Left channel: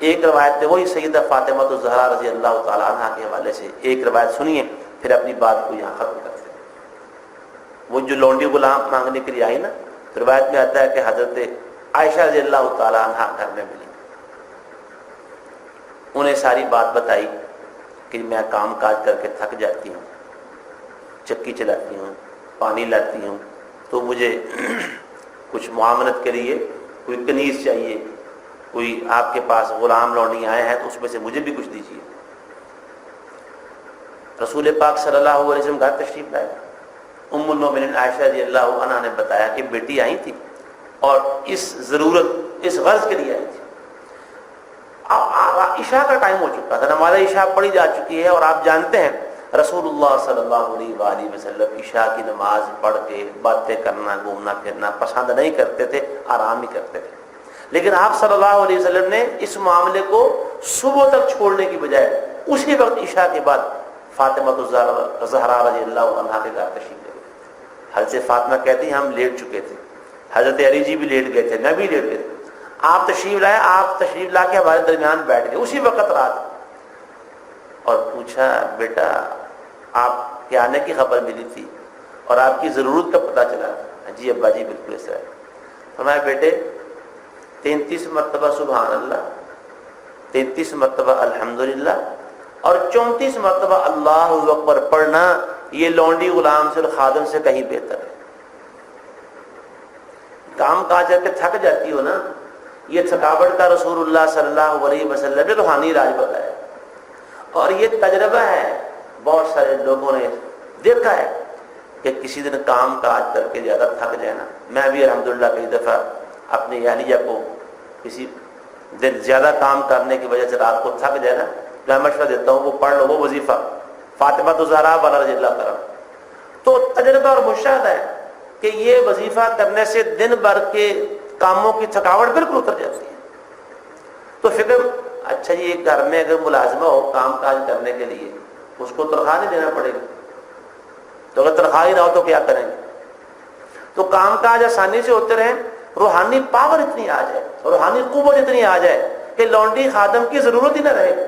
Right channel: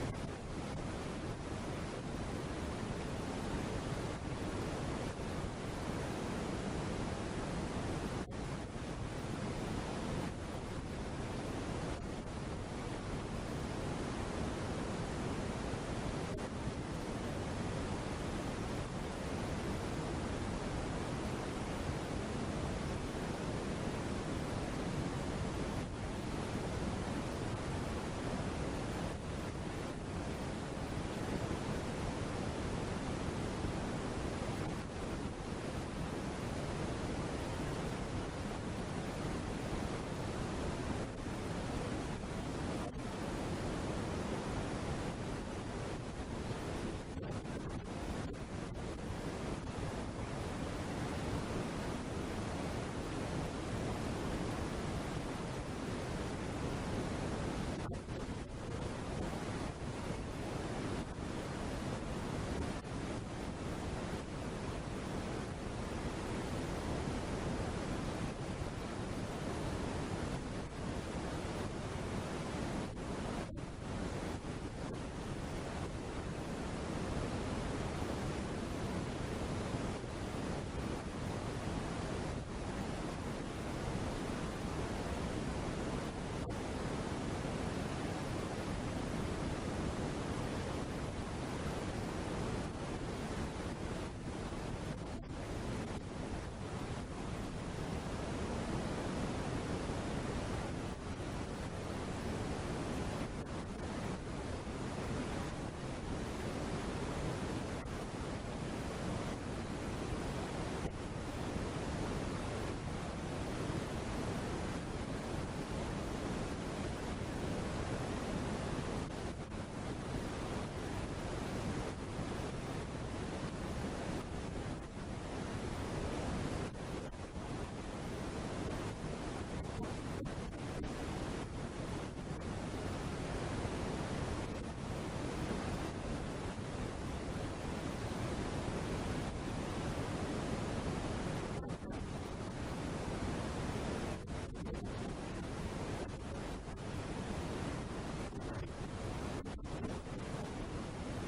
ایک روایت ہے وہی سیدہ فاطمہ الزہرا رضی اللہ تعالیٰ عنہ کے حوالے سے ایک روایت سنیے، پھر اپنی بات کو یہاں ختم کرتے ہیں۔ وہ جو لونڈی غلام مانگنے کے لیے آئی نا، روایت میں آتا ہے کہ حضرت عائشہ رضی اللہ تعالیٰ عنہ گھر میں ملی، انہیں ساری بات بتائی کہ میں کام کاج کر کے تھک جاتی ہوں، چکی چلاتی ہوں، پانی لاتی ہوں، تو مجھے کچھ معاملت کے لیے کوئی کنیز چاہیے، کوئی آپ کے پاس غلام لونڈی آئے ہیں تو اس میں سے مجھے بھی کچھ دیجیے۔ رسول پاک صلی اللہ علیہ وسلم گھر تشریف لائے، ام المؤمنین عائشہ رضی اللہ عنہا نے بتایا کہ بیٹی آئی تھی اور اس ضرورت، اس غرض کے لیے آئی تھی۔ عشاء کا ٹائم ہو چکا تھا، نماز عشاء پڑھی جا چکی ہے، اور آپ جانتے ہیں رسول اللہ صلی اللہ علیہ وآلہ وسلم عشاء کی نماز پڑھ کے باتیں کرنا، گھومنا پھرنا پسند نہیں کرتے تھے، آرام ہی کرتے تھے۔ لیکن آپ صلی اللہ علیہ وسلم نے اس معاملے کو صبح تک چھوڑنے کی بجائے اسی وقت عشاء کے بعد فاطمہ الزہرا رضی اللہ عنہا کے گھر تشریف لے۔ حضرت فاطمہ کہتی ہیں ہم لیٹ چکے تھے، حضرت علی جی بھی لیٹ گئے تھے، میں بھی لیٹ گئے تھے، آپ تشریف لائے، آپ تشریف لا کے ہمارے درمیان بیٹھ گئے اسی وقت رات، اور پوچھا بیٹا آپ کے آنے کی خبر ملی تھی اور آپ کی ضرورت کا پتہ چلا؟ جی ابا جی بالکل ایسا ہے۔ ہمارے بیٹے 33 مرتبہ سبحان اللہ، 33 مرتبہ الحمدللہ اور 34 مرتبہ اللہ اکبر پڑھنا یہ لونڈی غلام سے اور خادم سے کہیں بہتر ہے۔ کام کاج کر کے تھک جاتی ہو نا، یہ تھکاوٹ کا رسول اللہ صلی اللہ علیہ وسلم نے روحانی علاج بتایا، اور یہ تجربہ ہے، بہت سارے لوگوں نے دیکھا ہے کہ کسی دن کام کاج کر کے زیادہ تھک جائے نا، میں بھی الحمدللہ کئی دفعہ اپنی اہلیہ کو کسی دن زیادہ کام کرنے کی وجہ سے رات کو تھک جائے نا، میں مشورہ دیتا ہوں وہ پڑھ لو وہ وظیفہ فاطمہ الزہرا والا رضی اللہ عنہا۔ تو تجربہ اور مشاہدہ ہے کہ یہ وظیفہ کرنے سے دن بھر کے کاموں کی تھکاوٹ بالکل اتر جاتی ہے۔ تو فکر اچھا جی ایک گھر میں اگر ملازمہ ہو کام کاج کرنے کے لیے، اس کو تنخواہ نہیں دینا پڑے گا، تو اگر تنخواہ ہی نہ ہو تو کیا کریں گے؟ تو کام کاج آسانی سے ہوتے رہیں، روحانی پاور اتنی آ جائے، روحانی قوت اتنی آ جائے کہ لونڈی خادم کی ضرورت ہی نہ رہے،